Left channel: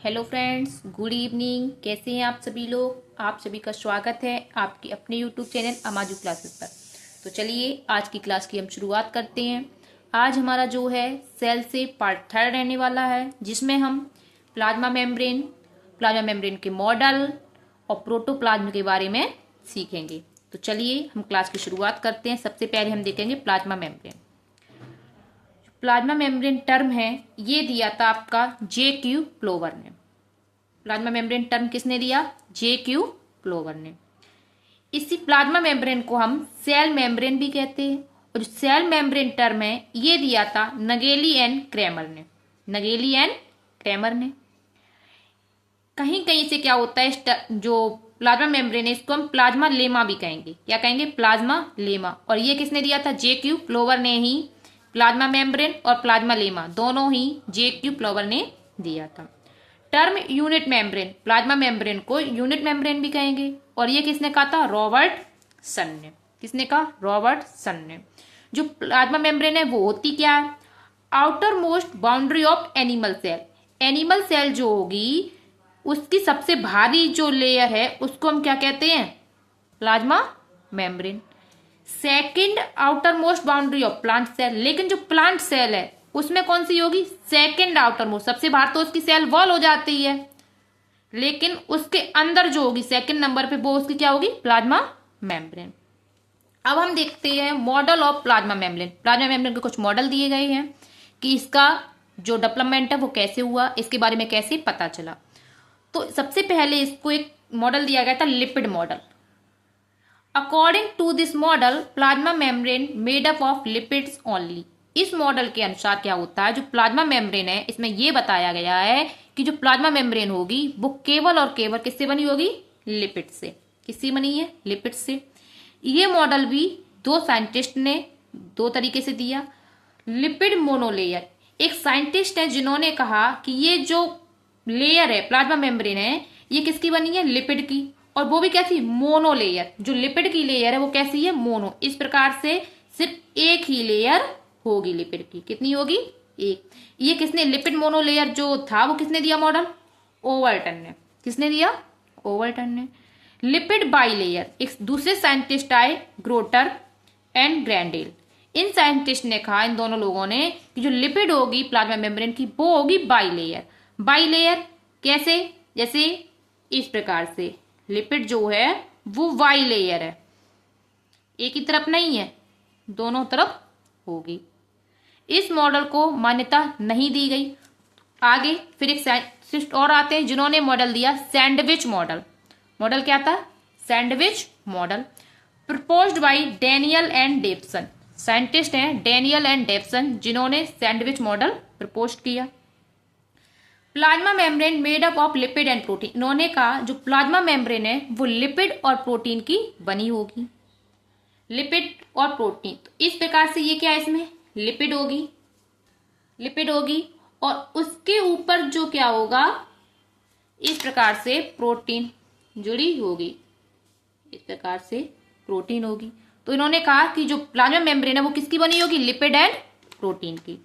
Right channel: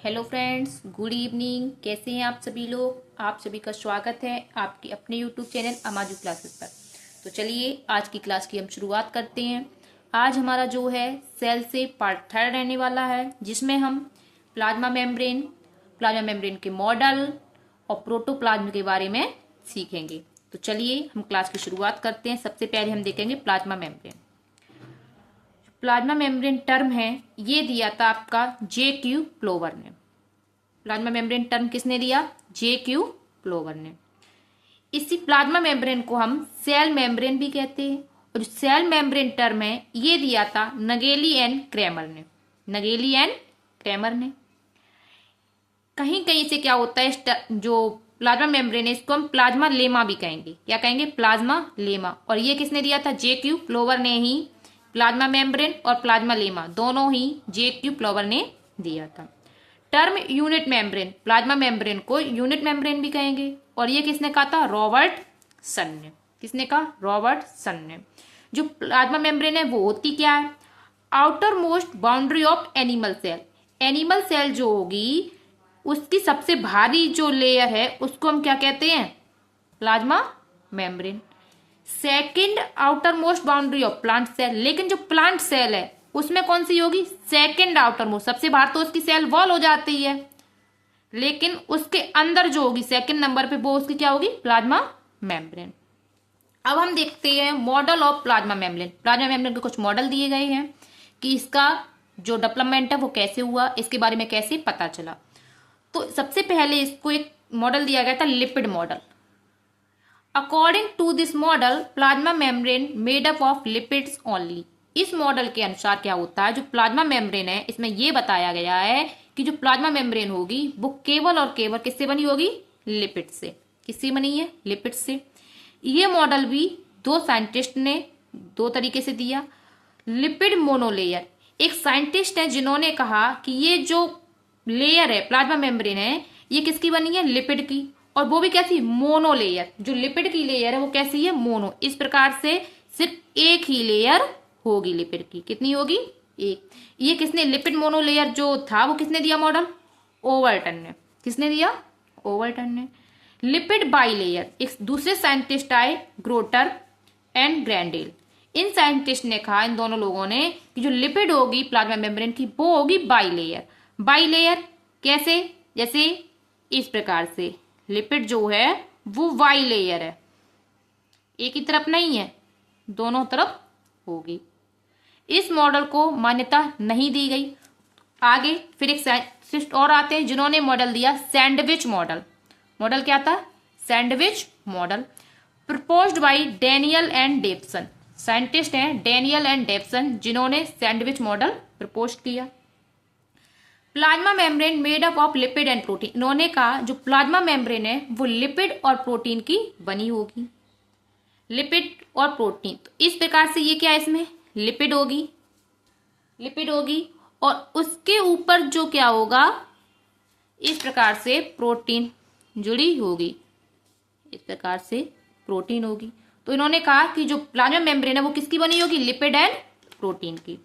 Hello friends, good evening. कैसे हैं आप सभी लोग। आप सभी का स्वागत है आपके अपने यूट्यूब चैनल अमाजू क्लासेस पर। तो चलिए आज की क्लास की हम शुरुआत करते हैं। आज हमारा जो है सेल से पार्ट 3 रहने वाला है, जिसमें हम प्लाज्मा मेम्ब्रेन के मॉडल और प्रोटोप्लाज्म के बारे में सीखेंगे। तो चलिए हम क्लास की शुरुआत करते हैं। सबसे पहले हम देखेंगे प्लाज्मा मेम्ब्रेन टर्म है, ये दिया था आपका J.Q. प्लोवर ने। प्लाज्मा मेम्ब्रेन टर्म किसने दिया? J.Q. प्लोवर ने। इसी प्लाज्मा मेम्ब्रेन को हम सेल मेम्ब्रेन भी कहते हैं, और सेल मेम्ब्रेन टर्म है ये दिया था नगेली एंड क्रैमर ने। कहीं कहीं से क्या होता है, जो प्लाज्मा मेम्ब्रेन है इसको हम प्लाज्मा लेमा भी कहेंगे। क्या कहेंगे? Plasma lemma. और ये किसने दिया था? J.Q. प्लोवर ने ही प्लाज्मा मेम्ब्रेन और प्लाज्मा लेमा दोनों ही J.Q. प्लोवर ने दिया था। Term unit membrane, plasma membrane को यूनिट मेम्ब्रेन भी कहेंगे, और ये किसने कहा था? रॉबर्टसन ने। किसने कहा? रॉबर्टसन ने। जो प्लाज्मा मेम्ब्रेन है वो होती क्या है? Outermost boundary of animal cell. Animal cell जो होगी उसकी सबसे भारी जो लेयर है उसको हम क्या कहते हैं? Plasma membrane. Second outermost boundary of plant cell. लेकिन जो प्लांट सेल है उसमें कौन सी होगी? Second outermost. सबसे बाहर तो उसकी सेल वॉल हो जाती है, लेकिन उसके अंदर जो होगी सेकंड नंबर पे वो उसकी क्या होगी? Plasma membrane. अब हम देखते हैं model of plasma membrane. Plasma membrane के कुछ मॉडल दिए गए हैं कि इसका जो डेवलपमेंट है वो कैसे हुआ, इसके बारे में कैसे पता चला। तो सबसे पहले इसको एक मॉडल दिया गया था, lipid model. According to this model plasma membrane made up of lipids only. इस मॉडल के अनुसार क्या होता है, जो प्लाज्मा मेम्ब्रेन है इसमें यह बताया गया है कि जो प्लाज्मा मेम्ब्रेन होगी वो केवल और केवल किससे बनी होगी? लिपिड से। किससे बनी है? लिपिड से। ये मॉडल भी दो साइंटिस्ट ने दो तरीके से दिया। लिपिड मोनोलेयर, एक साइंटिस्ट है जिन्होंने कहा कि ये जो लेयर है प्लाज्मा मेम्ब्रेन है ये किसकी बनी है? लिपिड की। और वो भी कैसी? मोनोलेयर। जो लिपिड की लेयर है वो कैसी है? मोनो। इस प्रकार से सिर्फ एक ही लेयर होगी लिपिड की। कितनी होगी? एक। ये किसने? लिपिड मोनोलेयर जो था वो किसने दिया मॉडल? ओवल्टन ने। किसने दिया? ओवल्टन ने। लिपिड बाइलेयर, एक दूसरे साइंटिस्ट आए, ग्रोटर एंड ग्रैंडेल। इन साइंटिस्ट ने कहा, इन दोनों लोगों ने, कि जो लिपिड होगी प्लाज्मा मेम्ब्रेन की वो होगी बाइलेयर। बाइलेयर कैसे? जैसे इस प्रकार से लिपिड जो है वो वाई लेयर है, एक ही तरफ नहीं है, दोनों तरफ होगी। इस मॉडल को मान्यता नहीं दी गई। आगे फिर एक साइंटिस्ट और आते हैं जिन्होंने मॉडल दिया सैंडविच मॉडल। मॉडल क्या था? Sandwich model, proposed by Danielli and Davson. Scientist हैं डैनियल एंड डेप्सन जिन्होंने सैंडविच मॉडल प्रपोज किया। Plasma membrane made up of lipid and protein. इन्होंने कहा जो प्लाज्मा मेम्ब्रेन है वो लिपिड और प्रोटीन की बनी होगी। लिपिड और प्रोटीन, तो इस प्रकार से ये क्या है? इसमें लिपिड होगी और उसके ऊपर जो क्या होगा, इस प्रकार से प्रोटीन जुड़ी होगी। इस प्रकार से प्रोटीन होगी। तो इन्होंने कहा कि जो प्लाज्मा मेम्ब्रेन है वो किसकी बनी होगी? लिपिड एंड प्रोटीन की।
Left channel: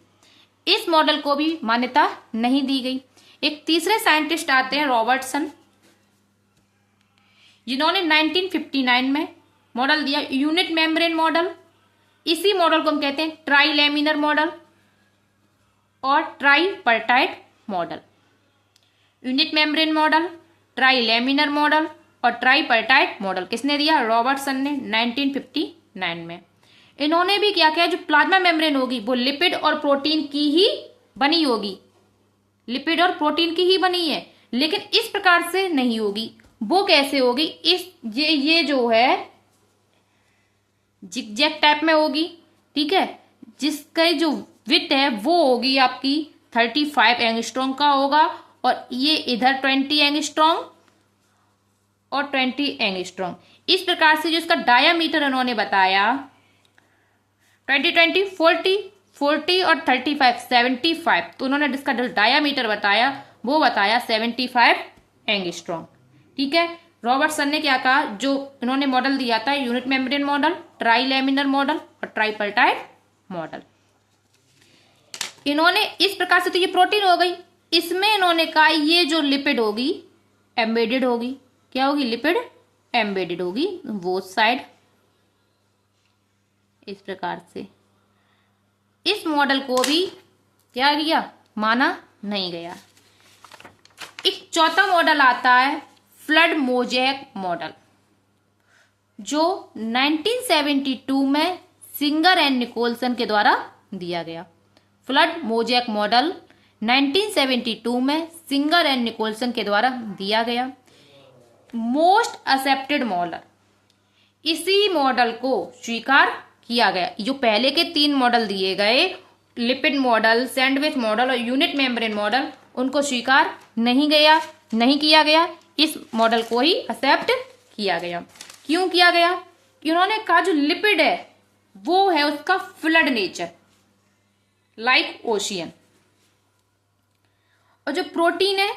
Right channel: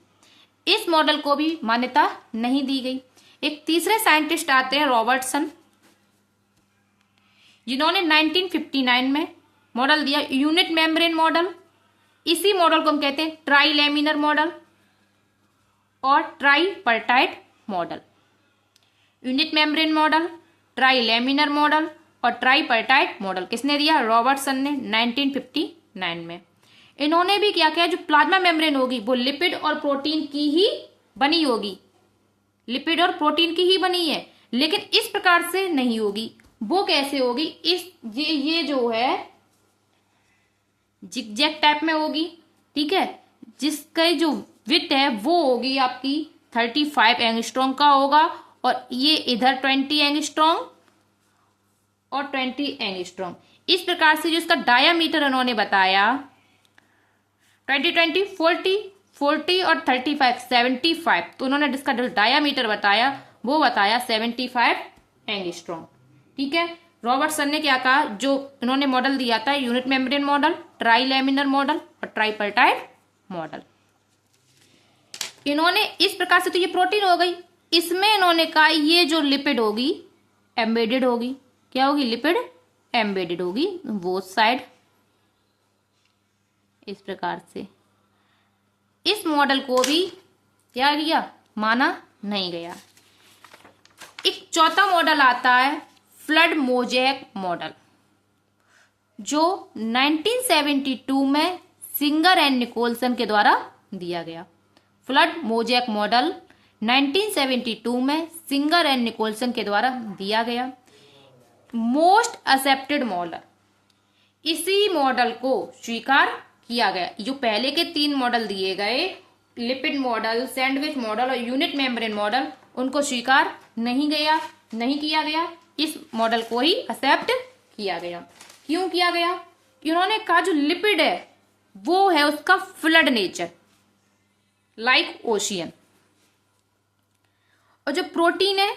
इस मॉडल को भी मान्यता नहीं दी गई। एक तीसरे साइंटिस्ट आते हैं रॉबर्टसन, जिन्होंने 1959 में मॉडल दिया यूनिट मेम्ब्रेन मॉडल। इसी मॉडल को हम कहते हैं ट्राइलेमिनर मॉडल और tripartite model. Unit membrane model, trilaminar model और ट्राइपर्टाइट मॉडल किसने दिया? रॉबर्टसन ने 1959 में। इन्होंने भी क्या किया, जो प्लाज्मा मेम्ब्रेन होगी वो लिपिड और प्रोटीन की ही बनी होगी। लिपिड और प्रोटीन की ही बनी है, लेकिन इस प्रकार से नहीं होगी। वो कैसे होगी? ये जो है जिगजैग टाइप में होगी। ठीक है, जिसका जो विड्थ है वो होगी आपकी 35 एंगस्ट्रॉम का होगा, और ये इधर 20 एंगस्ट्रॉम और 20 एंगस्ट्रॉम। इस प्रकार से जो इसका डायामीटर उन्होंने बताया 20, 40 और 35, 75। तो उन्होंने जिसका जो डायामीटर बताया वो बताया 75 एंगस्ट्रॉम। ठीक है, रॉबर्टसन ने क्या कहा, जो इन्होंने मॉडल दिया था unit membrane model, trilaminar model और ट्राइपर्टाइट मॉडल। इन्होंने इस प्रकार से, तो ये प्रोटीन हो गई, इसमें इन्होंने कहा ये जो लिपिड होगी एम्बेडेड होगी। क्या होगी? लिपिड एम्बेडेड होगी बोथ साइड। इस प्रकार से इस मॉडल को भी क्या किया? माना नहीं गया। एक चौथा मॉडल आता है फ्लड मोज़ेक मॉडल, जो 1972 में सिंगर एंड निकोलसन के द्वारा दिया गया। फ्लड मोज़ेक मॉडल 1972 में सिंगर एंड निकोलसन के द्वारा दिया गया। मोस्ट एक्सेप्टेड मॉडल, इसी मॉडल को स्वीकार किया गया। जो पहले के 3 मॉडल दिए गए, लिपिड मॉडल, सैंडविच मॉडल और यूनिट मेम्ब्रेन मॉडल, उनको स्वीकार नहीं किया गया। इस मॉडल को ही एक्सेप्ट किया गया। क्यों किया गया? उन्होंने कहा जो लिपिड है वो है उसका फ्लड नेचर, लाइक ओशियन, और जो प्रोटीन है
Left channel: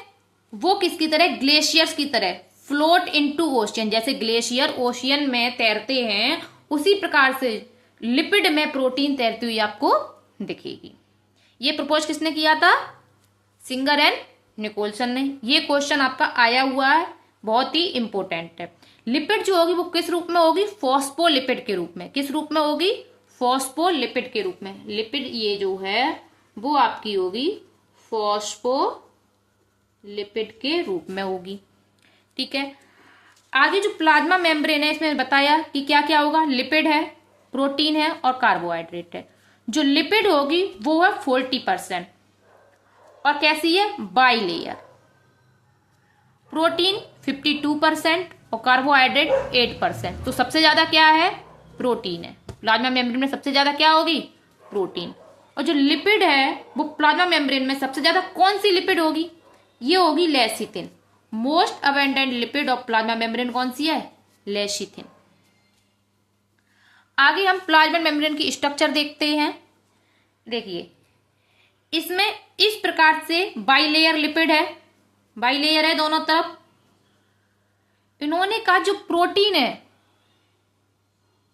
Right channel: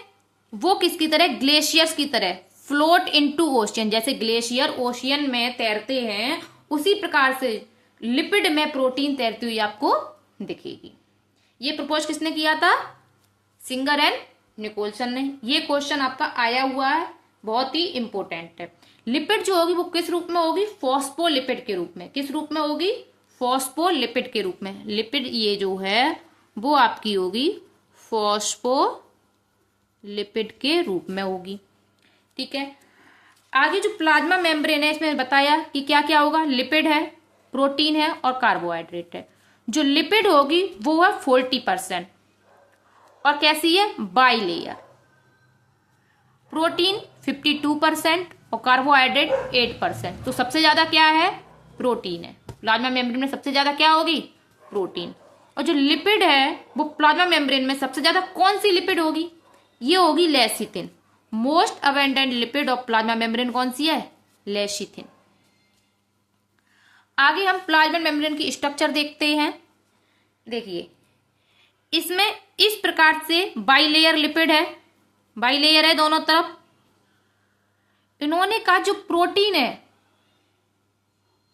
वो किसकी तरह? ग्लेशियर्स की तरह फ्लोट इनटू ओशियन। जैसे ग्लेशियर ओशियन में तैरते हैं, उसी प्रकार से लिपिड में प्रोटीन तैरती हुई आपको दिखेगी। ये प्रपोज किसने किया था? सिंगर एंड निकोलसन ने। ये क्वेश्चन आपका आया हुआ है, बहुत ही इंपॉर्टेंट है। लिपिड जो होगी वो किस रूप में होगी? फॉस्फोलिपिड के रूप में। किस रूप में होगी? फॉस्फोलिपिड के रूप में। लिपिड ये जो है वो आपकी होगी फॉस्फोलिपिड के रूप में होगी। ठीक है। आगे जो प्लाज्मा मेम्ब्रेन है, इसमें बताया कि क्या क्या होगा? लिपिड है, प्रोटीन है और कार्बोहाइड्रेट है। जो लिपिड होगी वो है 40% और कैसी है? By layer. प्रोटीन 52% और कार्बोहाइड्रेट 8%। तो सबसे ज्यादा क्या है? प्रोटीन है। प्लाज्मा मेम्ब्रेन में सबसे ज्यादा क्या होगी? प्रोटीन। और जो लिपिड है वो प्लाज्मा मेम्ब्रेन में सबसे ज्यादा कौन सी लिपिड होगी? ये होगी lecithin. Most abundant lipid of plasma membrane कौन सी है? लेसिथिन। आगे हम प्लाज्मा मेम्ब्रेन की स्ट्रक्चर देखते हैं। देखिए, इसमें इस प्रकार से बाइलेयर लिपिड है, बाइलेयर है दोनों तरफ। इन्होंने कहा जो प्रोटीन है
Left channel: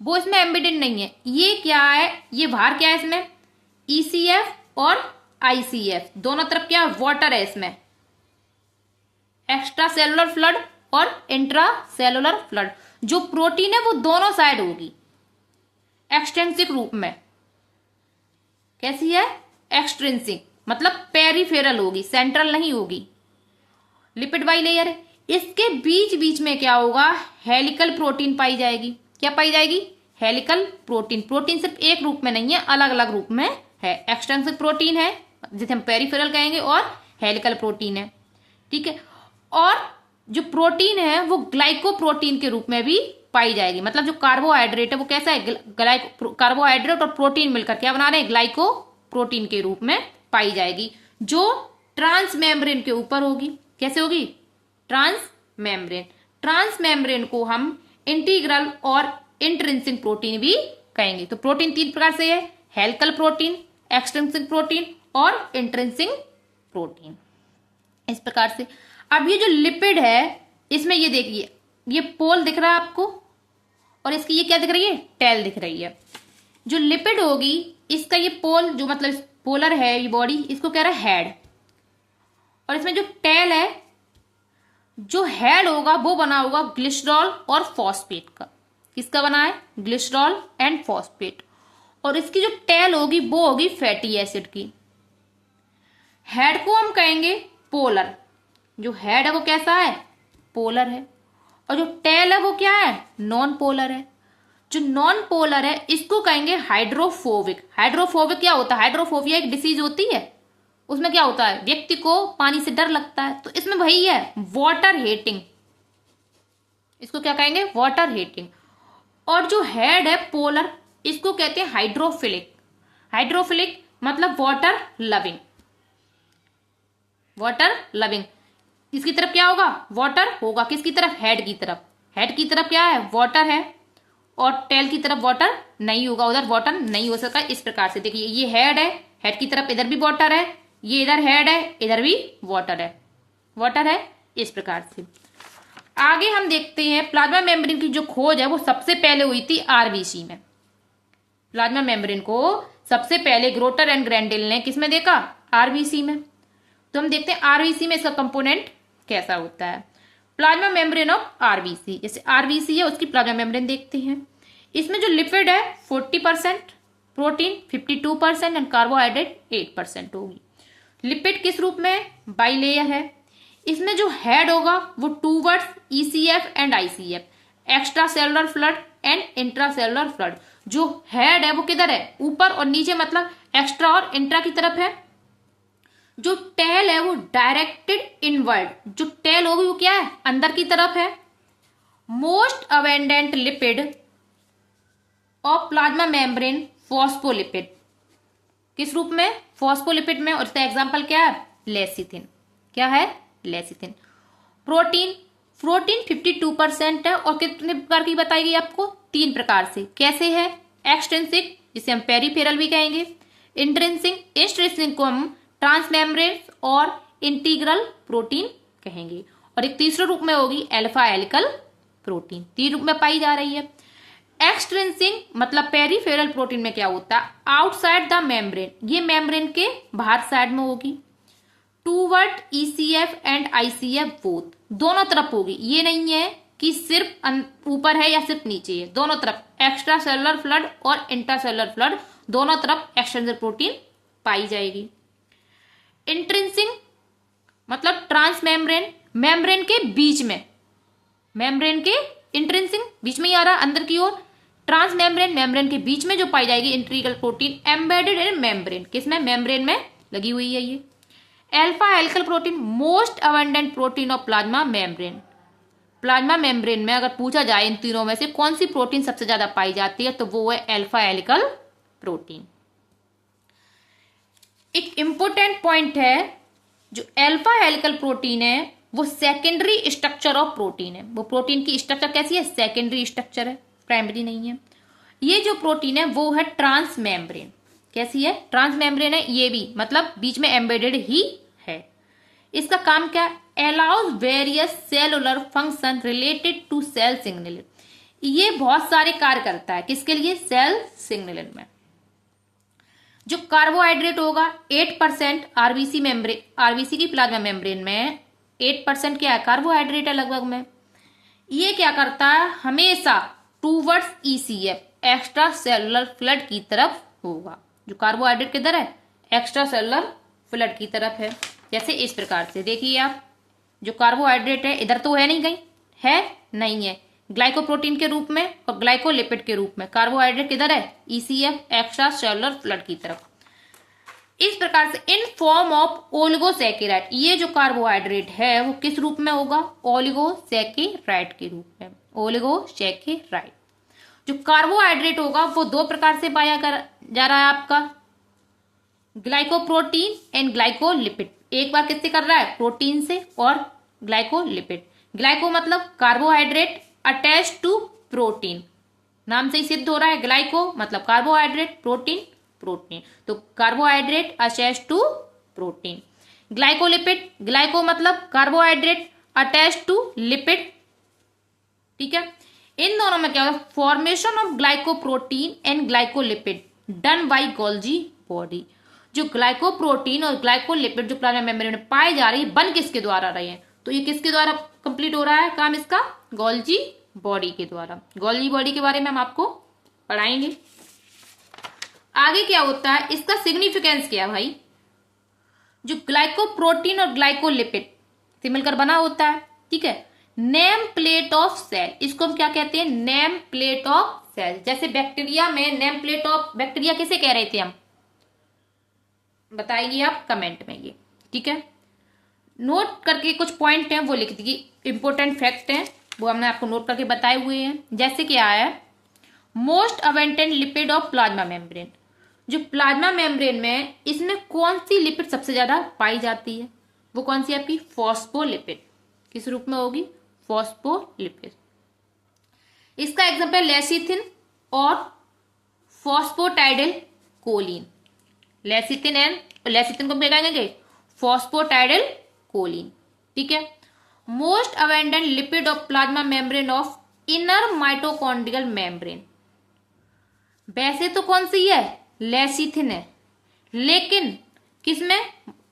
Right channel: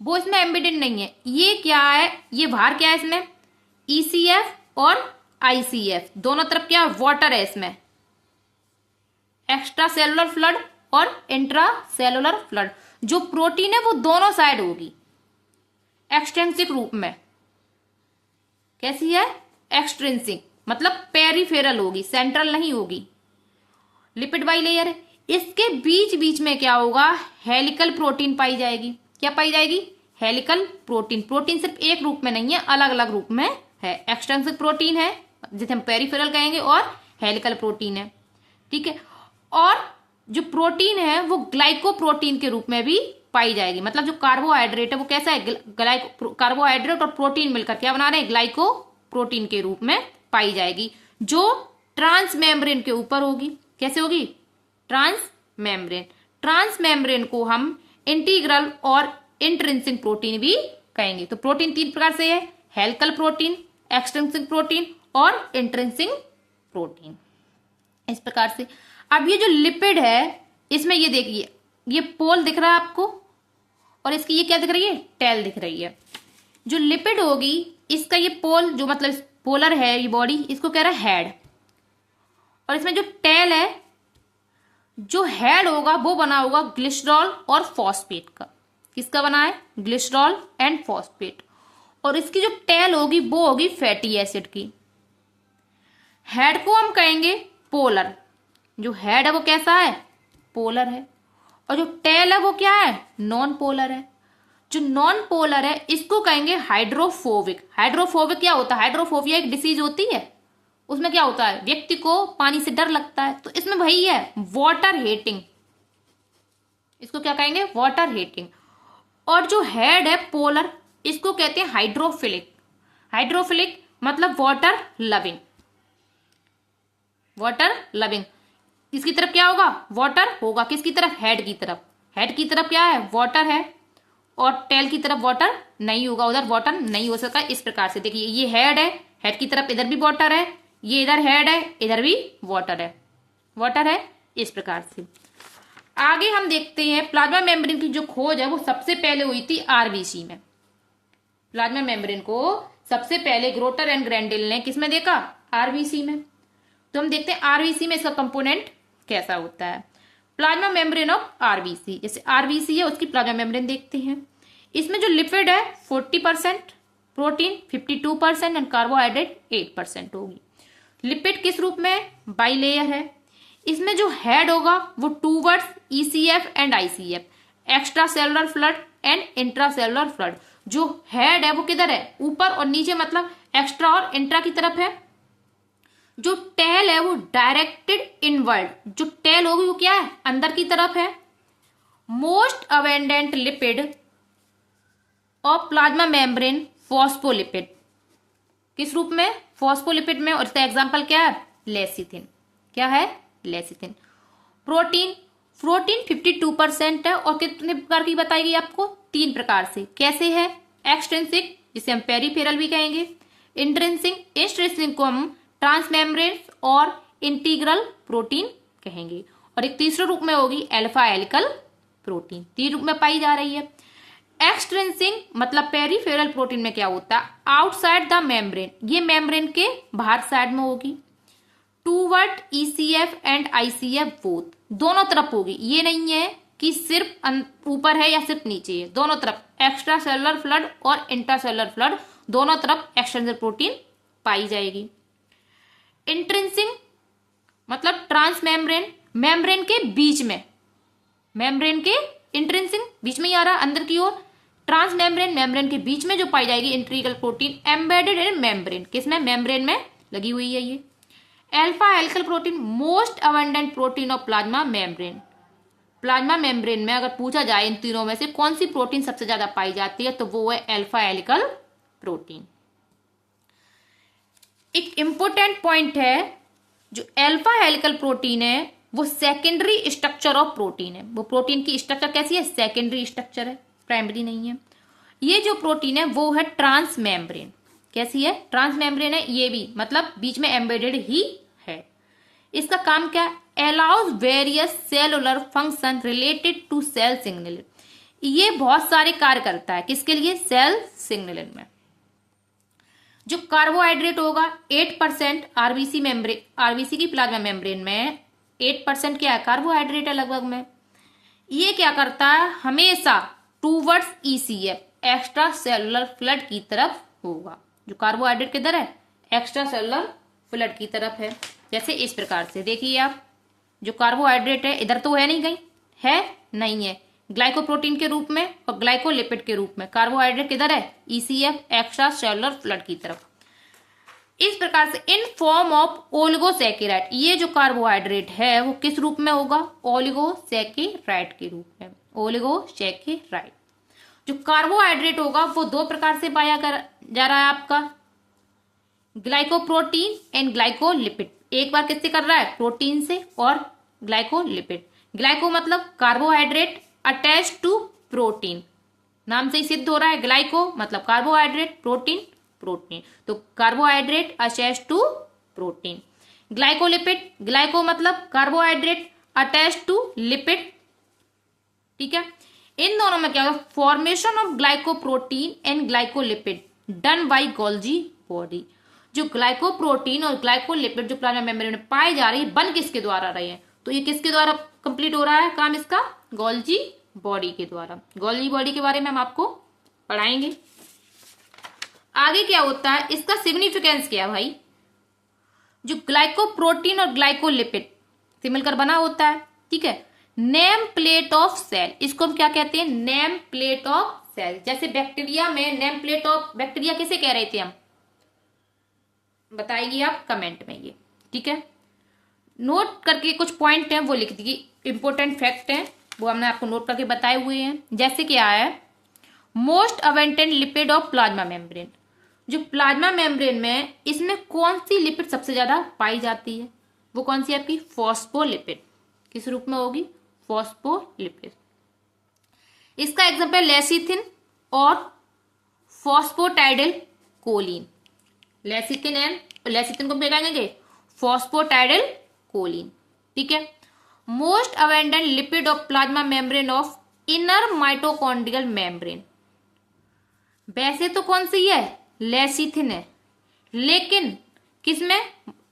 वो इसमें एम्बेडेड नहीं है। ये क्या है? ये बाहर क्या है इसमें? ECF और ICF दोनों तरफ क्या है? वाटर है इसमें। एक्स्ट्रा सेलुलर फ्लड और इंट्रा सेलुलर फ्लड। जो प्रोटीन है वो दोनों साइड होगी एक्सटेंसिक रूप में। कैसी है? एक्सट्रिंसिक, मतलब पेरिफेरल होगी, सेंट्रल नहीं होगी। लिपिड बाइलेयर है। इसके बीच बीच में क्या होगा? हेलिकल प्रोटीन पाई जाएगी। क्या पाई जाएगी? Helical protein. प्रोटीन सिर्फ एक रूप में नहीं है, अलग अलग रूप में है। एक्सटेंसिव प्रोटीन है जिसे हम पेरिफेरल कहेंगे और हेलिकल प्रोटीन है। ठीक है। और जो प्रोटीन है वो ग्लाइकोप्रोटीन के रूप में भी पाई जाएगी। मतलब जो कार्बोहाइड्रेट है वो कैसा है? कार्बोहाइड्रेट और प्रोटीन मिलकर क्या बना रहे हैं? ग्लाइकोप्रोटीन के रूप में पाई जाएगी, जो ट्रांस मेम्ब्रेन के ऊपर होगी। कैसे होगी? Trans membrane. ट्रांस मेम्ब्रेन को हम इंटीग्रल और इंट्रिंसिक प्रोटीन भी कहेंगे। तो प्रोटीन 3 प्रकार से है: हेलिकल प्रोटीन, एक्सट्रिंसिक प्रोटीन और इंट्रिंसिक प्रोटीन। इस प्रकार से अब ये जो लिपिड है, इसमें ये देखिए, ये पोल दिख रहा है आपको और इसकी ये क्या दिख रही है? टेल दिख रही है। जो लिपिड होगी इसका ये पोल, जो मतलब पोलर है ये बॉडी, इसको कह रहा है हेड। और इसमें जो टेल है, जो हेड होगा वो बना होगा ग्लिसरॉल और फॉस्फेट का। किसका बना है? Glycerol and phosphate. और इसकी जो टेल होगी वो होगी फैटी एसिड की। हेड को हम कहेंगे पोलर। जो हेड है वो कैसा है? पोलर है। और जो टेल है वो क्या है? नॉन पोलर है। जो नॉन पोलर है इसको कहेंगे हाइड्रोफोबिक। हाइड्रोफोबिक क्या होता है? हाइड्रोफोबिया एक डिसीज होती है, उसमें क्या होता है? व्यक्ति को पानी से डर लगता है। तो इसमें वही है, वाटर हेटिंग। इसको क्या कहेंगे? Water hating. और जो हेड है पोलर, इसको कहते हैं हाइड्रोफिलिक। हाइड्रोफिलिक मतलब वाटर लविंग। Water loving. इसकी तरफ क्या होगा? वाटर होगा। किसकी तरफ? हेड की तरफ। हेड की तरफ क्या है? वाटर है। और टेल की तरफ वाटर नहीं होगा, उधर वाटर नहीं हो सकता। इस प्रकार से देखिए, ये हेड है, हेड की तरफ इधर भी वाटर है, ये इधर हेड है, इधर भी वाटर है, वाटर है। इस प्रकार से आगे हम देखते हैं प्लाज्मा मेम्ब्रेन की जो खोज है वो सबसे पहले हुई थी आरबीसी में। प्लाज्मा मेम्ब्रेन को सबसे पहले ग्रोटर एंड ग्रैंडेल ने किसमें देखा? आरबीसी में। तो हम देखते हैं आरबीसी में इसका कंपोनेंट कैसा होता है। प्लाज्मा मेम्ब्रेन ऑफ आरबीसी, जैसे आरबीसी है उसकी प्लाज्मा मेम्ब्रेन देखते हैं। इसमें जो लिपिड है 40%, प्रोटीन 52% एंड कार्बोहाइड्रेट 8% होगी। लिपिड किस रूप में? बाइलेयर है। इसमें जो हेड होगा वो towards ECF and ICF, extra cellular flood and intra cellular flood. जो हेड है वो किधर है? ऊपर, और नीचे मतलब एक्स्ट्रा और इंट्रा की तरफ है। जो टेल है वो डायरेक्टेड इनवर्ड, जो टेल होगी वो क्या है? अंदर की तरफ है। Most abundant lipid of plasma membrane phospholipid, किस रूप में? फॉस्फोलिपिड में। और इसका एग्जांपल क्या है? लेसिथिन। क्या है? लेसिथिन। प्रोटीन 52% है। और कितने प्रकार की बताई गई आपको? 3 प्रकार से। कैसे है? एक्सट्रिंसिक, जिसे हम पेरीफेरल भी कहेंगे, इंट्रिंसिक को हम ट्रांसमेम्ब्रेन और इंटीग्रल प्रोटीन कहेंगे, और एक तीसरे रूप में होगी अल्फा हेलिकल प्रोटीन। 3 रूप में पाई जा रही है। एक्सट्रिंसिक मतलब पेरीफेरल प्रोटीन में क्या होता है? आउटसाइड द मेम्ब्रेन, ये मेम्ब्रेन के बाहर साइड में होगी। Toward ECF and ICF both, दोनों तरफ होगी। ये नहीं है कि सिर्फ ऊपर है या सिर्फ नीचे है, दोनों तरफ एक्स्ट्रा सेलुलर फ्लड और इंट्रा सेलुलर फ्लड, दोनों तरफ एक्सट्रिंसिक प्रोटीन पाई जाएगी। इंट्रिंसिक मतलब ट्रांस मेम्ब्रेन, मेम्ब्रेन के बीच में, मेम्ब्रेन के इंट्रिंसिक बीच में ही आ रहा अंदर की ओर। ट्रांस मेम्ब्रेन, मेम्ब्रेन के बीच में जो पाई जाएगी integral protein embedded in membrane, किसमें? मेम्ब्रेन में लगी हुई है ये। Alpha helical protein most abundant protein of plasma membrane. Plasma membrane में अगर पूछा जाए इन तीनों में से कौन सी प्रोटीन सबसे ज्यादा पाई जाती है, तो वो है अल्फा हेलिकल प्रोटीन। एक इंपॉर्टेंट पॉइंट है, जो अल्फा हेलिकल प्रोटीन है वो सेकेंडरी स्ट्रक्चर ऑफ प्रोटीन है। वो प्रोटीन की स्ट्रक्चर कैसी है? सेकेंडरी स्ट्रक्चर है, प्राइमरी नहीं है। ये जो प्रोटीन है वो है ट्रांस मेम्ब्रेन। कैसी है? ट्रांस मेम्ब्रेन है ये भी, मतलब बीच में एम्बेडेड ही है। इसका काम क्या? Allows various cellular function related to cell signalling. ये बहुत सारे कार्य करता है, किसके लिए? सेल सिग्नलिंग में। जो कार्बोहाइड्रेट होगा 8%, आरबीसी मेम्ब्रेन, आरबीसी की प्लाज्मा मेम्ब्रेन में 8% क्या है? कार्बोहाइड्रेट है लगभग में। ये क्या करता है? हमेशा towards ECF, extra cellular flood की तरफ होगा। जो कार्बोहाइड्रेट किधर है? एक्स्ट्रा सेलुलर फ्लड की तरफ है। जैसे इस प्रकार से देखिए आप, जो कार्बोहाइड्रेट है इधर तो है नहीं, कहीं है नहीं है, ग्लाइकोप्रोटीन के रूप में और ग्लाइकोलिपिड के रूप में। कार्बोहाइड्रेट किधर है? ईसीएफ, एक्स्ट्रा सेलुलर फ्लड की तरफ। इस प्रकार से इन फॉर्म ऑफ ओलिगोसैकेराइड, ये जो कार्बोहाइड्रेट है वो किस रूप में होगा? ओलिगोसैकेराइड के रूप में। ओलिगोसैकेराइड। जो कार्बोहाइड्रेट होगा वो 2 प्रकार से पाया जा रहा है आपका, ग्लाइकोप्रोटीन एंड ग्लाइकोलिपिड। एक बार किससे कर रहा है? प्रोटीन से और ग्लाइकोलिपिड। ग्लाइको मतलब कार्बोहाइड्रेट अटैच टू प्रोटीन, नाम से ही सिद्ध हो रहा है। ग्लाइको मतलब कार्बोहाइड्रेट, प्रोटीन प्रोटीन, तो carbohydrate attach to protein. Glycolipid, glyco मतलब कार्बोहाइड्रेट अटैच टू लिपिड। ठीक है, इन दोनों में क्या होगा? Formation of glycoprotein and glycolipid done by Golgi body. जो ग्लाइकोप्रोटीन और ग्लाइकोलिपिड जो प्लाज्मा मेम्ब्रेन में पाए जा रही है, बन किसके द्वारा रहे हैं? तो ये किसके द्वारा कंप्लीट हो रहा है काम इसका? गोल्जी बॉडी के द्वारा। गोल्जी बॉडी के बारे में हम आपको पढ़ाएंगे। आगे क्या होता है, इसका सिग्निफिकेंस क्या है भाई? जो ग्लाइकोप्रोटीन और ग्लाइकोलिपिड से मिलकर बना होता है, ठीक है, नेम प्लेट ऑफ सेल, इसको हम क्या कहते हैं? Name plate of cell. जैसे बैक्टीरिया में नेम प्लेट ऑफ, बैक्टीरिया किसे कह रहे थे हम? बताइए आप कमेंट में ये, ठीक है। नोट करके कुछ पॉइंट हैं वो लिख दीजिए, इंपोर्टेंट फैक्ट हैं वो हमने आपको नोट करके बताए हुए हैं। जैसे क्या है, most abundant lipid of plasma membrane. जो प्लाज्मा मेम्ब्रेन में इसमें कौन सी लिपिड सबसे ज्यादा पाई जाती है? वो कौन सी आपकी? फॉस्फोलिपिड। किस रूप में होगी? फॉस्फोलिपिड। इसका एग्जांपल लेसिथिन और phosphatidyl choline. Lecithin and lecithin को क्या कहेंगे? Phosphatidyl choline. ठीक है। Most abundant lipid of plasma membrane of inner mitochondrial membrane. वैसे तो कौन सी है? लेसिथिन है, लेकिन किसमें?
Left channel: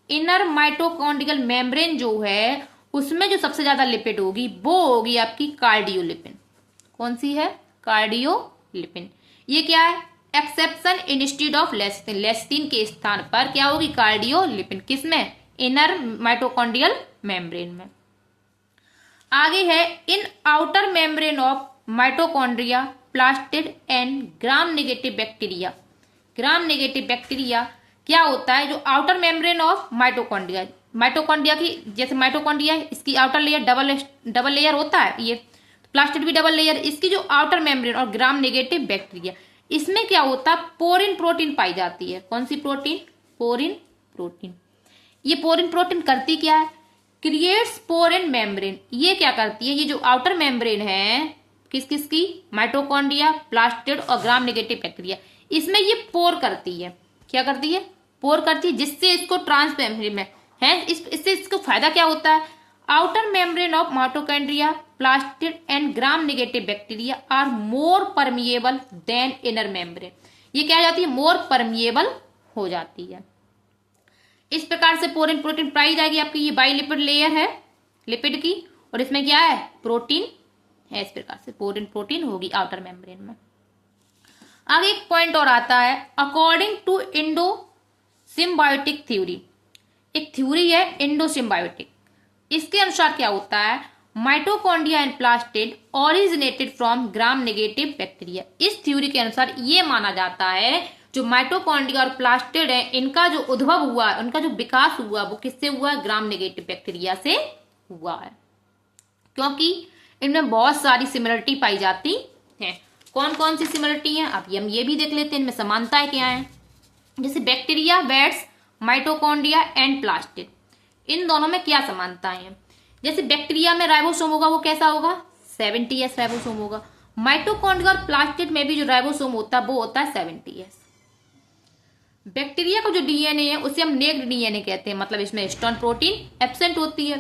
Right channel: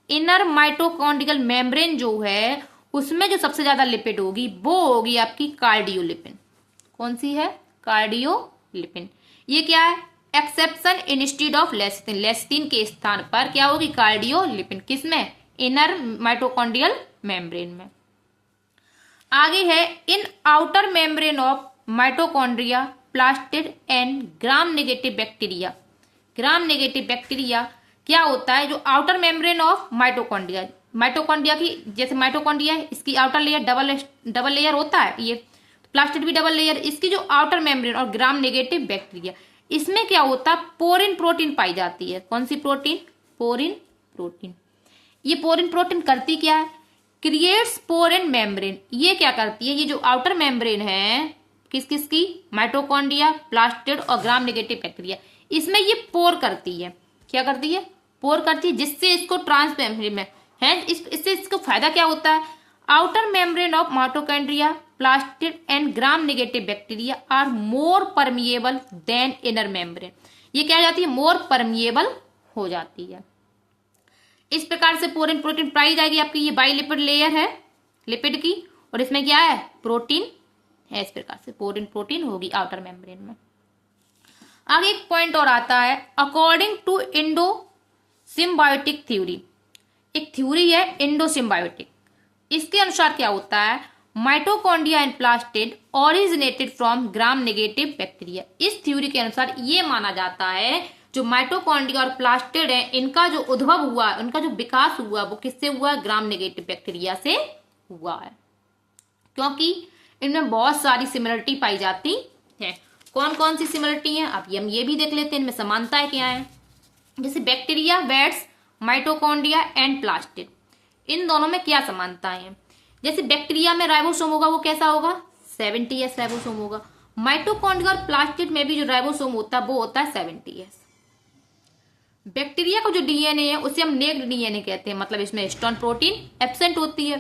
इनर माइटोकॉन्ड्रियल मेम्ब्रेन जो है उसमें जो सबसे ज्यादा लिपिड होगी वो होगी आपकी कार्डियोलिपिन। कौन सी है? कार्डियोलिपिन। ये क्या है? एक्सेप्शन इंस्टीड ऑफ लेस्टिन, लेस्टिन के स्थान पर क्या होगी? कार्डियोलिपिन। किसमें? इनर माइटोकॉन्ड्रियल मेम्ब्रेन में। आगे है इन outer membrane of mitochondria plastid and gram negative bacteria. Gram negative bacteria क्या होता है? जो outer membrane of mitochondria, mitochondria की जैसे माइटोकॉन्ड्रिया है इसकी आउटर लेयर डबल लेयर होता है, ये प्लास्टिड भी डबल लेयर। इसकी जो आउटर मेम्ब्रेन और ग्राम नेगेटिव बैक्टीरिया, इसमें क्या होता है? पोरिन प्रोटीन पाई जाती है। कौन सी प्रोटीन? Porin protein. ये पोरिन प्रोटीन करती क्या है? Creates porin membrane. ये क्या करती है? ये जो आउटर मेम्ब्रेन है किस किस की? माइटोकॉन्ड्रिया, प्लास्टिड और ग्राम नेगेटिव बैक्टीरिया, इसमें ये पोर करती है। क्या करती है? पोर करती है, जिससे इसको ट्रांसमेम्ब्रेन में है इससे इसको फायदा क्या होता है? Outer membrane of mitochondria plastid and gram negative bacteria are more permeable than inner membrane. ये क्या जाती है? मोर परमिएबल हो जाती है। इस प्रकार से पोरिन प्रोटीन पाई जाएगी आपकी। ये बाइलिपिड लेयर है लिपिड की, और इसमें क्या है? प्रोटीन है। इस प्रकार से पोरिन प्रोटीन होगी आउटर मेम्ब्रेन में। आगे एक पॉइंट और आता है, according to endosymbiotic theory. एक थ्योरी है इंडो सिम्बायोटिक। इसके अनुसार क्या होता है? Mitochondria and plastid originated from gram negative bacteria. इस थ्योरी के अनुसार ये माना जाता है जो माइटोकॉन्ड्रिया और प्लास्टिड है इनका जो उद्भव हुआ है, उनका जो विकास हुआ वो किससे हुआ है? ग्राम नेगेटिव बैक्टीरिया से हुआ है, क्योंकि इनमें बहुत सारी सिमिलरिटी पाई जाती है। कौन कौन सी सिमिलरिटी है? अब हम ये भी देख लेते हैं इनमें समानताएं क्या है। जैसे बैक्टीरिया, वेट्स, माइटोकॉन्ड्रिया एंड प्लास्टिड, इन दोनों में क्या समानताएं हैं? जैसे बैक्टीरिया में राइबोसोम होगा वो कैसा होगा? 70S राइबोसोम होगा। माइटोकॉन्ड्रिया और प्लास्टिड में भी जो राइबोसोम होता है वो होता है 70S। बैक्टीरिया का जो डीएनए है उसे हम नेक्ड डीएनए कहते हैं, मतलब इसमें हिस्टोन प्रोटीन एब्सेंट होती है।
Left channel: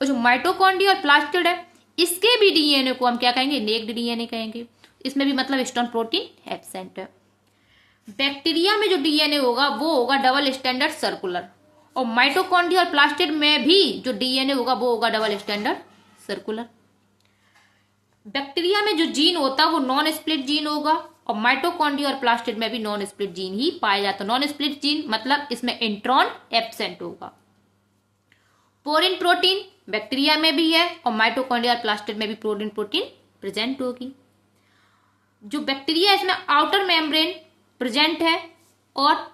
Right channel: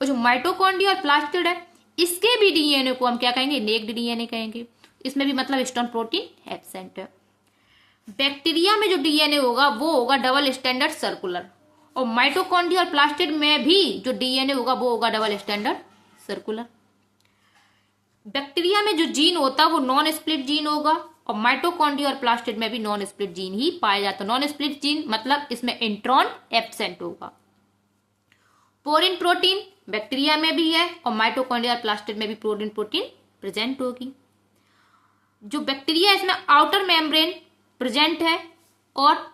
और जो माइटोकॉन्ड्रिया और प्लास्टिड है इसके भी डीएनए को हम क्या कहेंगे? नेक्ड डीएनए कहेंगे। इसमें भी मतलब हिस्टोन प्रोटीन एब्सेंट है। बैक्टीरिया में जो डीएनए होगा वो होगा डबल स्टैंडर्ड सर्कुलर, और माइटोकॉन्ड्रिया और प्लास्टिड में भी जो डीएनए होगा वो होगा डबल स्टैंडर्ड सर्कुलर। बैक्टीरिया में जो जीन होता है वो नॉन स्प्लिट जीन होगा, और माइटोकॉन्ड्रिया और प्लास्टिड में भी नॉन स्प्लिट जीन ही पाया जाता है। नॉन स्प्लिट जीन मतलब इसमें इंट्रॉन एब्सेंट होगा। पोरिन प्रोटीन बैक्टीरिया में भी है और माइटोकॉन्ड्रिया और प्लास्टिड में भी पोरिन प्रोटीन प्रेजेंट होगी। जो बैक्टीरिया इसमें आउटर मेम्ब्रेन प्रेजेंट है और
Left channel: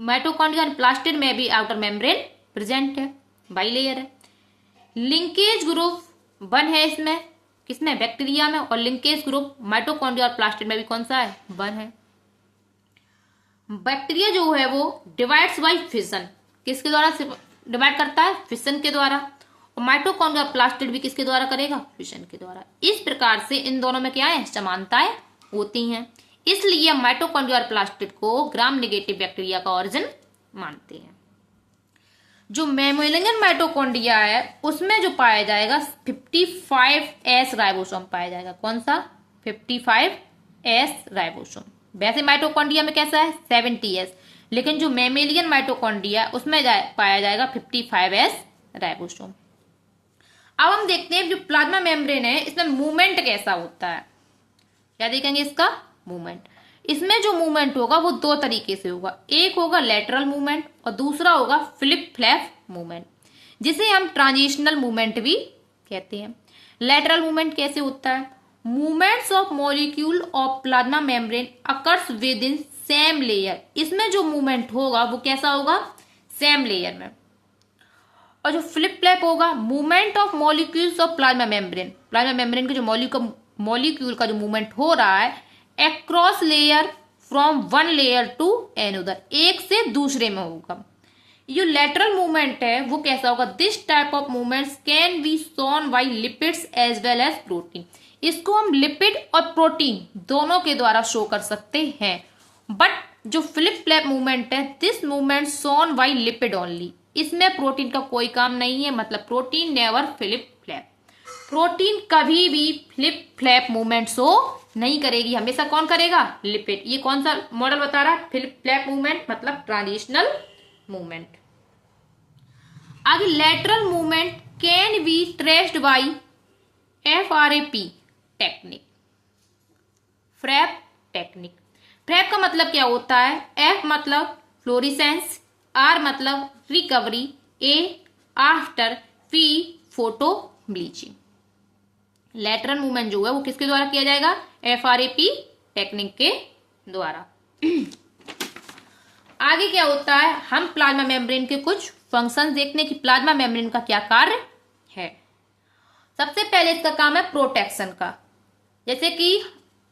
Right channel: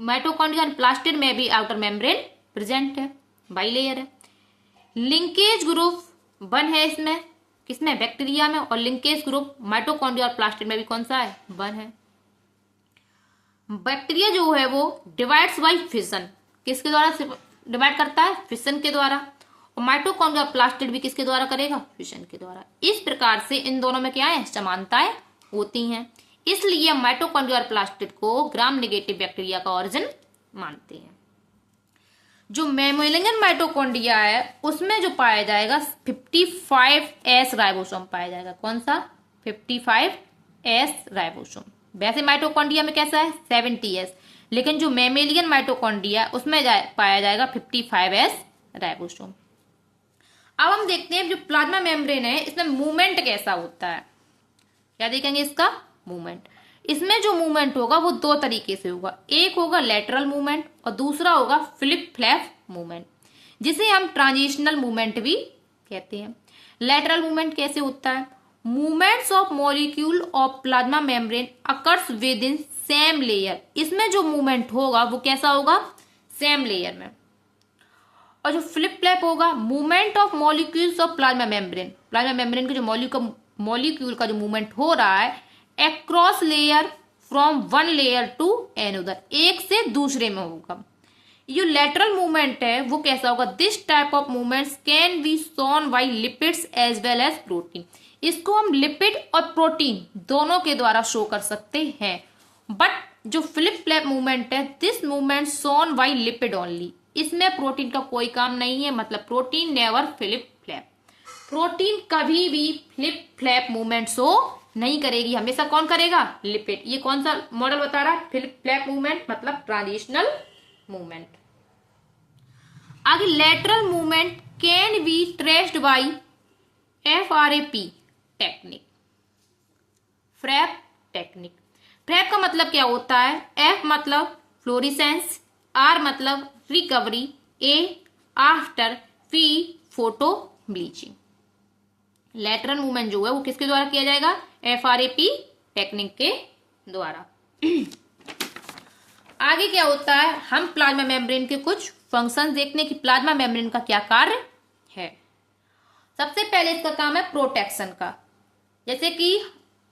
माइटोकॉन्ड्रिया और प्लास्टिड में भी आउटर मेम्ब्रेन प्रेजेंट है, बाइलेयर है। लिंकेज ग्रुप 1 है इसमें, किसमें? बैक्टीरिया में, और लिंकेज ग्रुप माइटोकॉन्ड्रिया और प्लास्टिड में भी कौन सा है? 1 है। बैक्टीरिया जो है वो डिवाइड्स बाय फिशन, किसके द्वारा डिवाइड करता है? फिशन के द्वारा। और माइटोकॉन्ड्रिया और प्लास्टिड भी किसके द्वारा करेगा? फिशन के द्वारा। इस प्रकार से इन दोनों में क्या है? समानताएं होती हैं, इसलिए हम माइटोकॉन्ड्रिया और प्लास्टिड को ग्राम नेगेटिव बैक्टीरिया का ओरिजिन मानते हैं। जो मैमोलियन माइटोकॉन्ड्रिया है उसमें जो पाया जाएगा 55S राइबोसोम पाया जाएगा। कौन सा? 55S ribosome. वैसे माइटोकॉन्ड्रिया में कैसा है? 70S, लेकिन जो मैमोलियन माइटोकॉन्ड्रिया उसमें पाया जाएगा 55S राइबोसोम। अब हम देखते हैं जो प्लाज्मा मेम्ब्रेन है इसमें मूवमेंट कैसा होता है। क्या देखेंगे इसका? मूवमेंट। इसमें जो मूवमेंट होगा वो 2 तरीके से होगा, एक होगा लेटरल मूवमेंट और दूसरा होगा फ्लिप फ्लैप मूवमेंट, जिसे हम ट्रांजिशनल मूवमेंट भी कहते हैं। लेटरल मूवमेंट कैसे होता है? Movements of molecule of plasma membrane occurs with in same layer. इसमें जो मूवमेंट होगा वो कैसा होगा? सेम लेयर में। और जो फ्लिप फ्लैप होगा, movement of molecules of plasma membrane, plasma membrane के जो मॉलिक्यूल का जो मूवमेंट हो रहा है across layer from one layer to another, एक से दूसरे में होगा। जो लेटरल मूवमेंट है वो कैसा होगा? This type of movements can be shown by lipids as well as protein. इसको हम लिपिड और प्रोटीन दोनों के द्वारा शो कर सकते हैं। बट जो फ्लिप फ्लैप मूवमेंट है, this movement shown by lipid only, इसमें प्रोटीन का कोई काम नहीं है, मतलब protein never flip flap. Protein कभी भी फ्लिप फ्लैप मूवमेंट शो नहीं करेगी, हमेशा कौन करेगा? लिपिड। ये कौन सा मॉडल बता रहा है? फ्लिप फ्लैप मूवमेंट मतलब ट्रांजिशनल मूवमेंट। आगे lateral movement can be traced by FRAP technique, FRAP technique. FRAP का मतलब क्या होता है? F मतलब फ्लोरिसेंस, R मतलब recovery, A after, P photo bleaching. Lateral movement जो है वो किसके द्वारा किया जाएगा? FRAP टेक्निक के द्वारा। आगे क्या होता है? हम प्लाज्मा मेम्ब्रेन के कुछ फंक्शंस देखने की प्लाज्मा मेम्ब्रेन का क्या कार्य है। सबसे पहले इसका काम है प्रोटेक्शन का। जैसे कि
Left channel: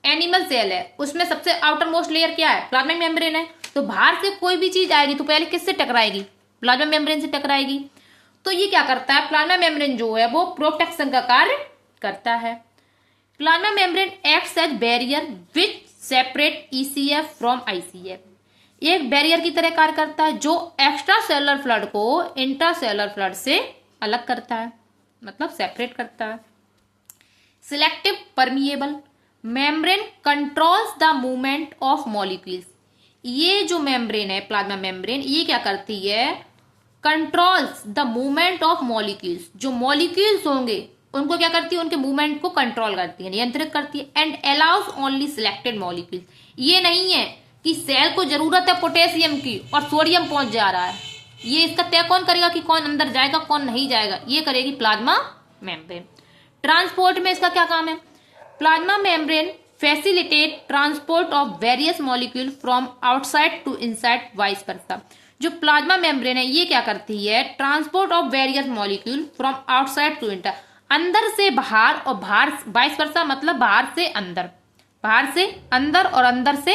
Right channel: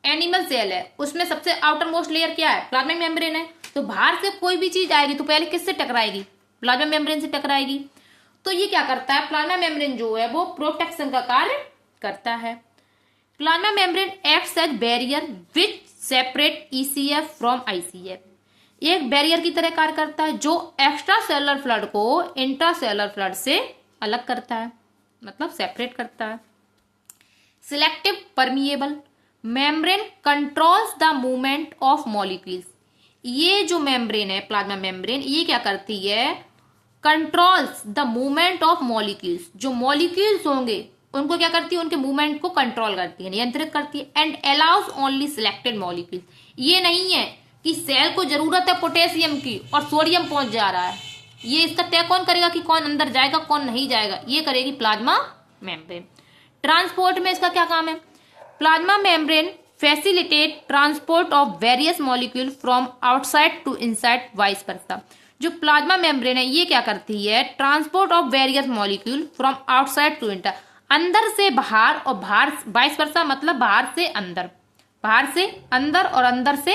एनिमल सेल है, उसमें सबसे आउटर मोस्ट लेयर क्या है? प्लाज्मा मेम्ब्रेन है। तो बाहर से कोई भी चीज आएगी तो पहले किससे टकराएगी? प्लाज्मा मेम्ब्रेन से टकराएगी। तो ये क्या करता है? प्लाज्मा मेम्ब्रेन जो है वो प्रोटेक्शन का कार्य करता है। Plasma membrane acts as barrier which separate ECF from ICF। ये एक बैरियर की तरह कार्य करता है जो एक्स्ट्रा सेलुलर फ्लड को इंट्रासेलुलर फ्लड से अलग करता है, मतलब सेपरेट करता है। Selective permeable membrane controls the movement of molecules. ये जो मेम्ब्रेन है प्लाज्मा मेम्ब्रेन, ये क्या करती है? Controls the movement of molecules. जो मॉलिक्यूल्स होंगे उनको क्या करती है? उनके मूवमेंट को कंट्रोल करती है, नियंत्रित करती है। And allows only selected molecule. ये नहीं है कि सेल को जरूरत है पोटेशियम की और सोडियम पहुंच जा रहा है, ये इसका तय कौन करेगा कि कौन अंदर जाएगा कौन नहीं जाएगा? ये करेगी प्लाज्मा मेम्ब्रेन। ट्रांसपोर्ट में इसका क्या काम है? Plasma membrane facilitate transport of various molecule from outside to inside vice versa. जो प्लाज्मा मेम्ब्रेन है ये क्या करती है? Transport of various molecule from outside to inter, अंदर से बाहर और बाहर वाइस वर्सा, मतलब बाहर से अंदर, बाहर से अंदर और अंदर से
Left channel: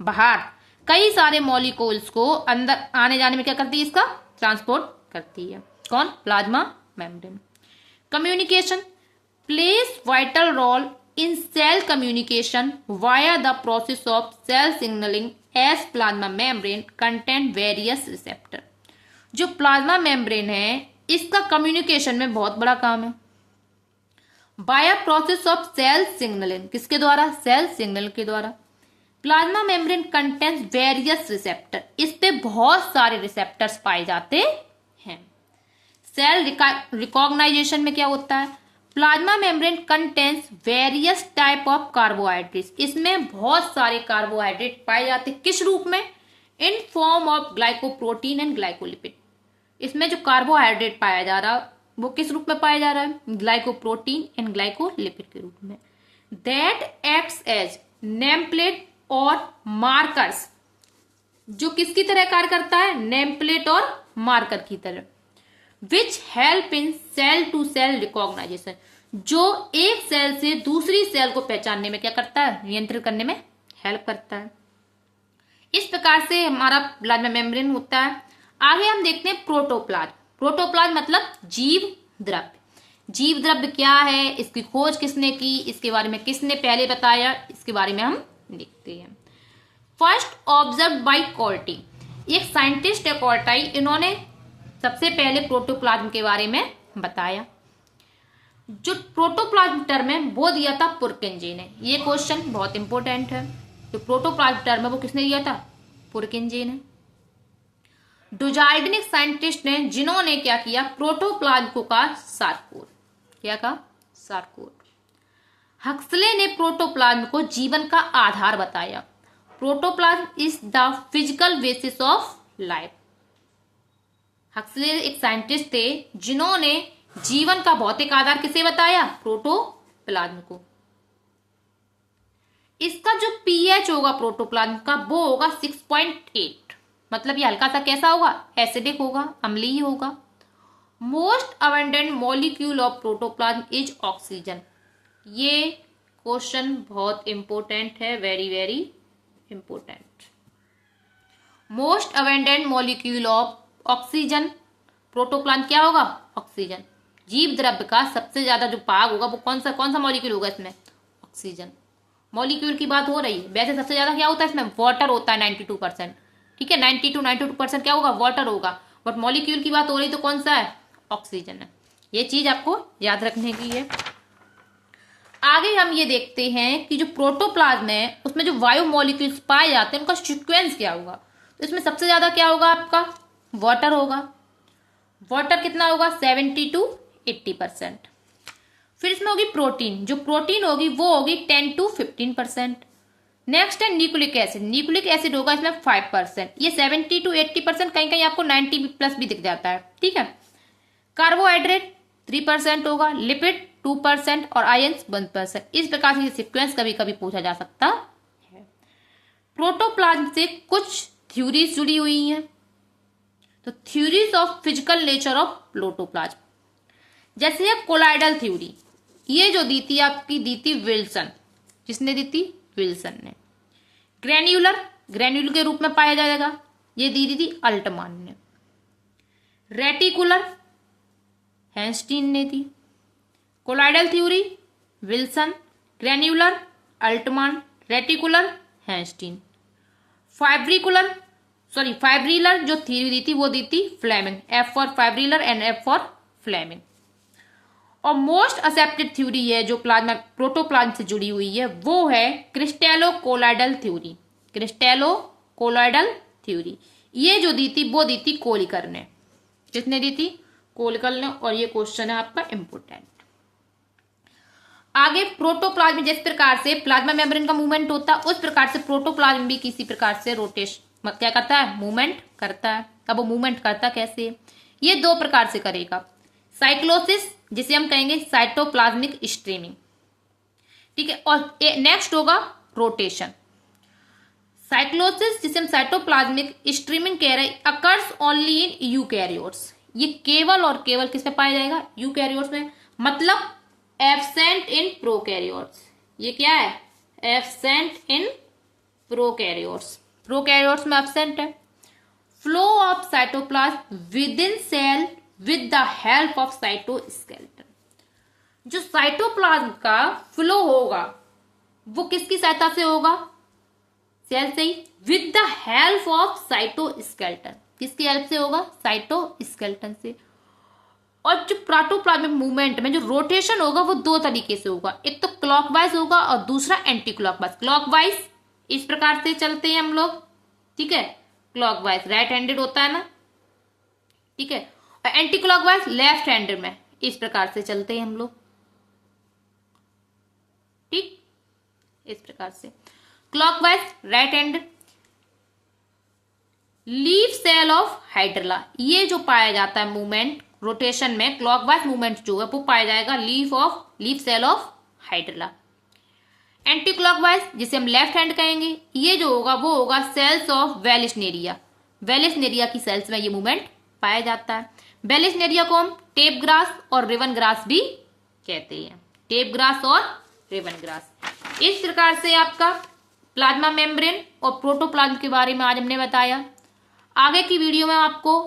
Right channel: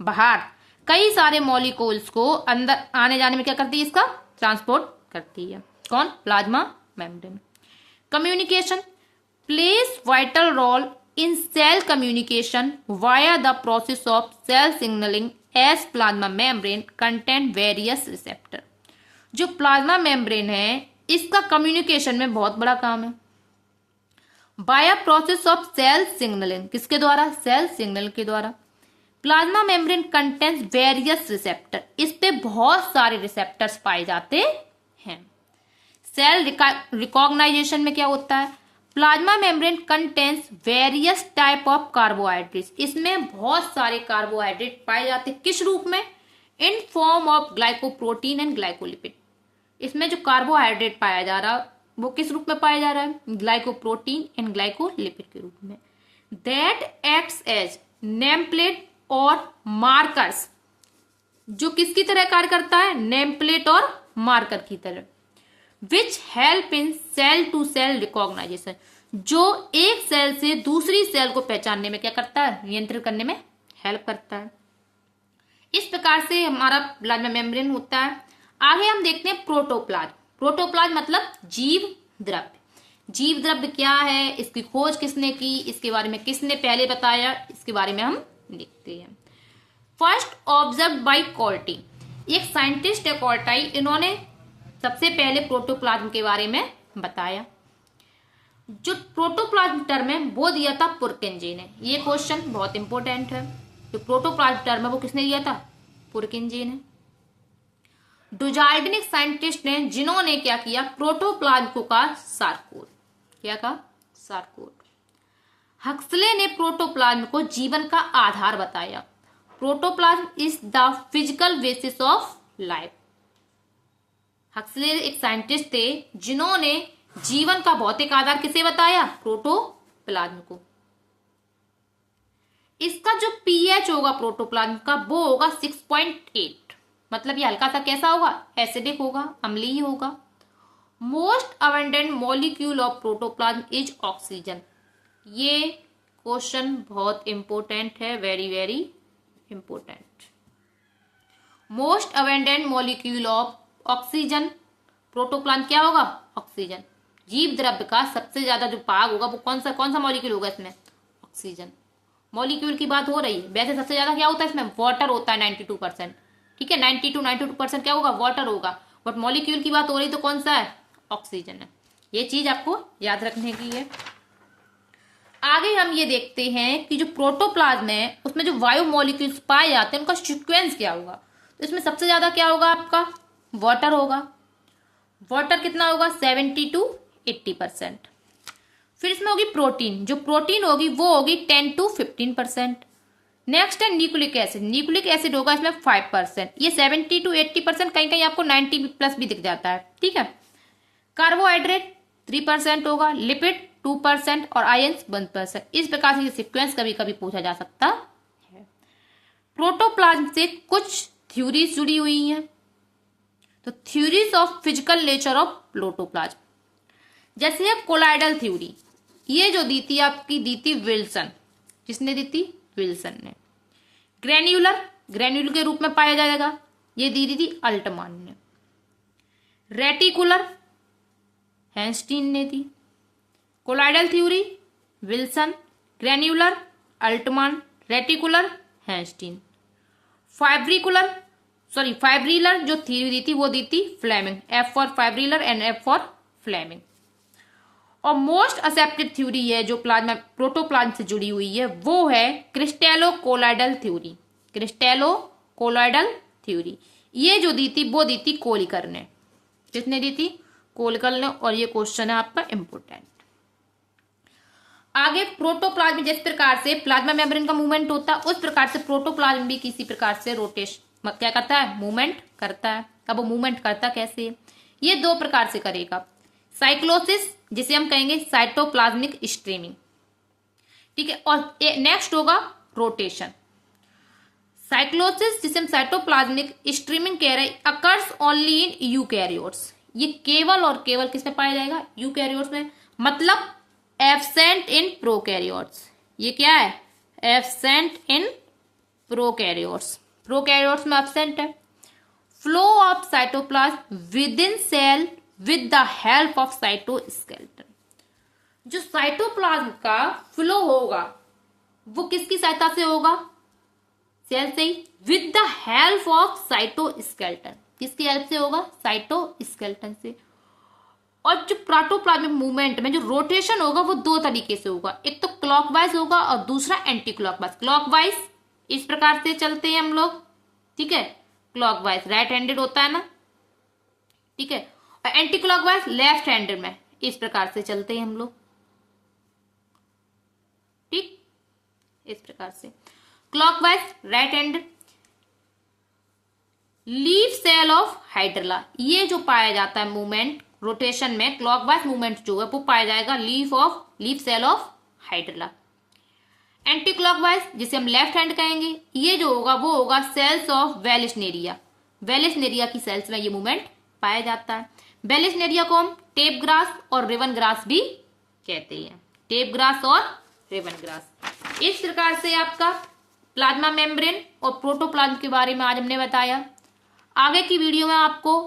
बाहर कई सारे मॉलिक्यूल्स को अंदर आने जाने में क्या करती है? इसका ट्रांसपोर्ट करती है। कौन? Plasma membrane. Communication plays vital role in cell communication via the process of cell signalling as plasma membrane content various receptor. जो प्लाज्मा मेम्ब्रेन है इसका कम्युनिकेशन में बहुत बड़ा काम है। बाया प्रोसेस ऑफ सेल सिग्नलिंग, किसके द्वारा? सेल सिग्नल के द्वारा। Plasma membrane contains various receptor, इस पे बहुत सारे रिसेप्टर्स पाए जाते हैं। सेल रिकॉग्नाइजेशन में क्या होता है? Plasma membrane contains various type of carbohydrates, इसमें बहुत सारे कार्बोहाइड्रेट पाए जाते हैं। किस रूप में? In form of glycoprotein and glycolipid. इसमें जो कार्बोहाइड्रेट पाया जा रहा है वो किस रूप में पाया जा रहा है? ग्लाइकोप्रोटीन एंड ग्लाइकोलिपिड के रूप में। That acts as name plate और मार्कर्स, जो किसकी तरह कार्य करता है? नेम प्लेट और मार्कर की तरह। Which help in cell to cell recognisation, जो एक सेल से दूसरी सेल को पहचानने में क्या करता है? नियंत्रित करने में हेल्प करता है। इस प्रकार से हमारा प्लाज्मा मेम्ब्रेन होता है। आगे हम देखते हैं प्रोटोप्लाज्म। प्रोटोप्लाज्म मतलब जीव द्रव्य। जीव द्रव्य क्या है, इसकी खोज किसने की, इसके बारे में किसने पहले बताया, इसके बारे में हम देखते हैं। फर्स्ट ऑब्जर्व बाय कोल्टी, एक साइंटिस्ट है कोल्टाई, इन्होंने सबसे पहले प्रोटोप्लाज्म के बारे में बताया। जो प्रोटोप्लाज्म टर्म है वो दिया था पुरकिंजे ने। ये क्वेश्चन बहुत इंपॉर्टेंट है। जो प्रोटोप्लाज्म टर्म है वो किसने दिया था? पुरकिंजे ने। डुजार्डिन साइंटिस्ट ने, जिन्होंने क्या किया? प्रोटोप्लाज्म को कहा सार्कोड। क्या कहा? सार्कोड। हक्सले ने प्रोटोप्लाज्म को जीवन का आधार बताया। Protoplasm is the physical basis of life. Huxley एक साइंटिस्ट थे जिन्होंने जीवन का भौतिक आधार किसे बताया? प्रोटोप्लाज्म को। इसका जो pH होगा प्रोटोप्लाज्म का वो होगा 6.8, मतलब ये हल्का सा कैसा होगा? एसिडिक होगा, अम्लीय होगा। Most abundant molecule of protoplasm is oxygen. ये क्वेश्चन बहुत इंपॉर्टेंट है, very very important. Most abundant molecule of oxygen, protoplasm क्या होगा? ऑक्सीजन। जीव द्रव्य का सबसे ज्यादा जो भाग होगा वो कौन सा मॉलिक्यूल होगा इसमें? ऑक्सीजन। मॉलिक्यूल की बात हो रही है, वैसे सबसे ज्यादा क्या होता है इसमें? वाटर होता है 92%। ठीक है, 92% क्या होगा? वाटर होगा। बट मॉलिक्यूल की बात हो रही तो कौन सा है? ऑक्सीजन है। ये चीज आपको याद रखने की है। आगे हम ये देखते हैं कि जो प्रोटोप्लाज्म है उसमें जो वायु मॉलिक्यूल्स पाए जाते हैं उनका सीक्वेंस क्या होगा। तो इसमें सबसे ज्यादा क्या होगा? आपका वाटर होगा। वाटर कितना होगा 70 to 80%। फिर इसमें होगी प्रोटीन, जो प्रोटीन होगी वो होगी 10 to 15%। नेक्स्ट है न्यूक्लिक एसिड, न्यूक्लिक एसिड होगा इसमें 5%। ये 70 to 80%, कहीं कहीं आपको 90+ भी दिख जाता है, ठीक है। कार्बोहाइड्रेट 3% होगा, लिपिड 2% और आयंस 1%। इस प्रकार से ये सीक्वेंस कभी कभी पूछा जा सकता है। प्रोटोप्लाज्म से कुछ थ्योरीज जुड़ी हुई हैं, तो theories of physical nature of protoplasm, जैसे है कोलाइडल थ्योरी, ये जो दी थी आपकी, दी थी विल्सन। किसने दी थी? विल्सन ने। ग्रेन्यूलर, ग्रेन्यूल के रूप में पाया जाएगा, ये दी थी अल्टमान ने। रेटिकुलर, हैंस्टीन ने दी। Colloidal theory Wilson, granular Altmann, reticular Hanstein. Fibrillar जो थ्योरी दी थी वो दी थी Flemming, F for fibrillar and F for Flemming. और मोस्ट एक्सेप्टेड थ्योरी है जो प्लाज्मा प्रोटोप्लाज्म से जुड़ी हुई है, वो है क्रिस्टेलो कोलाइडल थ्योरी। क्रिस्टेलो कोलाइडल थ्योरी ये जो दी थी वो दी थी कोलिकर ने। किसने दी थी? कोलिकर ने। और ये क्वेश्चन है आपका इंपोर्टेंट। आगे प्रोटोप्लाज्म में जिस प्रकार से प्लाज्मा मेम्ब्रेन का मूवमेंट होता है, उस प्रकार से प्रोटोप्लाज्म भी किसी प्रकार से रोटेशन क्या करता है? मूवमेंट करता है। अब वो मूवमेंट करता कैसे? ये दो प्रकार से करेगा। साइक्लोसिस, जिसे हम कहेंगे साइटोप्लाज्मिक स्ट्रीमिंग, ठीक है। और नेक्स्ट होगा रोटेशन। साइक्लोसिस, जिसे हम साइटोप्लाज्मिक स्ट्रीमिंग कह रहे हैं, अकर्स ओनली इन यूकैरियोट्स। ये केवल और केवल किस में पाया जाएगा? यूकैरियोट्स में। मतलब एब्सेंट इन प्रोकैरियोट्स। ये क्या है? Absent in prokaryotes. प्रोकैरियोट्स में एब्सेंट है। Flow of cytoplasm within cell with the help of cytoskeleton. जो साइटोप्लाज्म का फ्लो होगा वो किसकी सहायता से होगा? सेल से ही। With the help of cytoskeleton, किसकी हेल्प से होगा? साइटोस्केलेटन से। और जो प्रोटोप्लाज्मिक मूवमेंट में जो रोटेशन होगा वो दो तरीके से होगा, एक तो क्लॉकवाइज होगा और दूसरा एंटी क्लॉकवाइज। क्लॉकवाइज इस प्रकार से चलते हैं हम लोग, ठीक है। क्लॉकवाइज राइट हैंडेड होता है ना, ठीक है। और एंटी क्लॉकवाइज लेफ्ट हैंडेड में इस प्रकार से चलते हैं हम लोग, ठीक। इस प्रकार से clockwise right handed. Leaf cell of Hydrilla, ये जो पाया जाता है मूवमेंट रोटेशन में, क्लॉकवाइज मूवमेंट जो है वो पाया जाएगा leaf cell of Hydrilla. Anti clockwise, जिसे हम लेफ्ट हैंड कहेंगे, ये जो होगा वो होगा सेल्स ऑफ वेलिस्नेरिया। वेलिस्नेरिया की सेल्स में ये मूवमेंट पाया जाता है। वेलिस्नेरिया को हम टेप ग्रास और रिवन ग्रास भी कहते हैं। टेप ग्रास और रिवन ग्रास। इस प्रकार से आपका प्लाज्मा मेम्ब्रेन और प्रोटोप्लाज्म के बारे में आज हमने बताया। आगे की वीडियो में आपको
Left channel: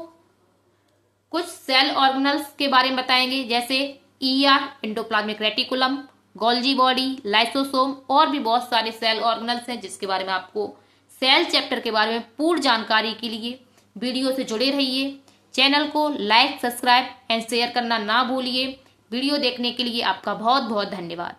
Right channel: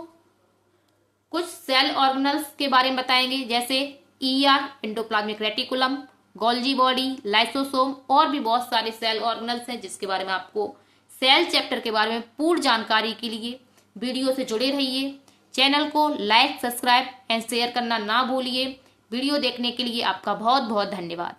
कुछ सेल ऑर्गेनल्स के बारे में बताएंगे, जैसे ER endoplasmic reticulum, Golgi body, lysosome और भी बहुत सारे सेल ऑर्गेनल्स हैं जिसके बारे में आपको सेल चैप्टर के बारे में पूर्ण जानकारी के लिए वीडियो से जुड़े रहिए। चैनल को लाइक, सब्सक्राइब एंड शेयर करना ना भूलिए। वीडियो देखने के लिए आपका बहुत बहुत धन्यवाद।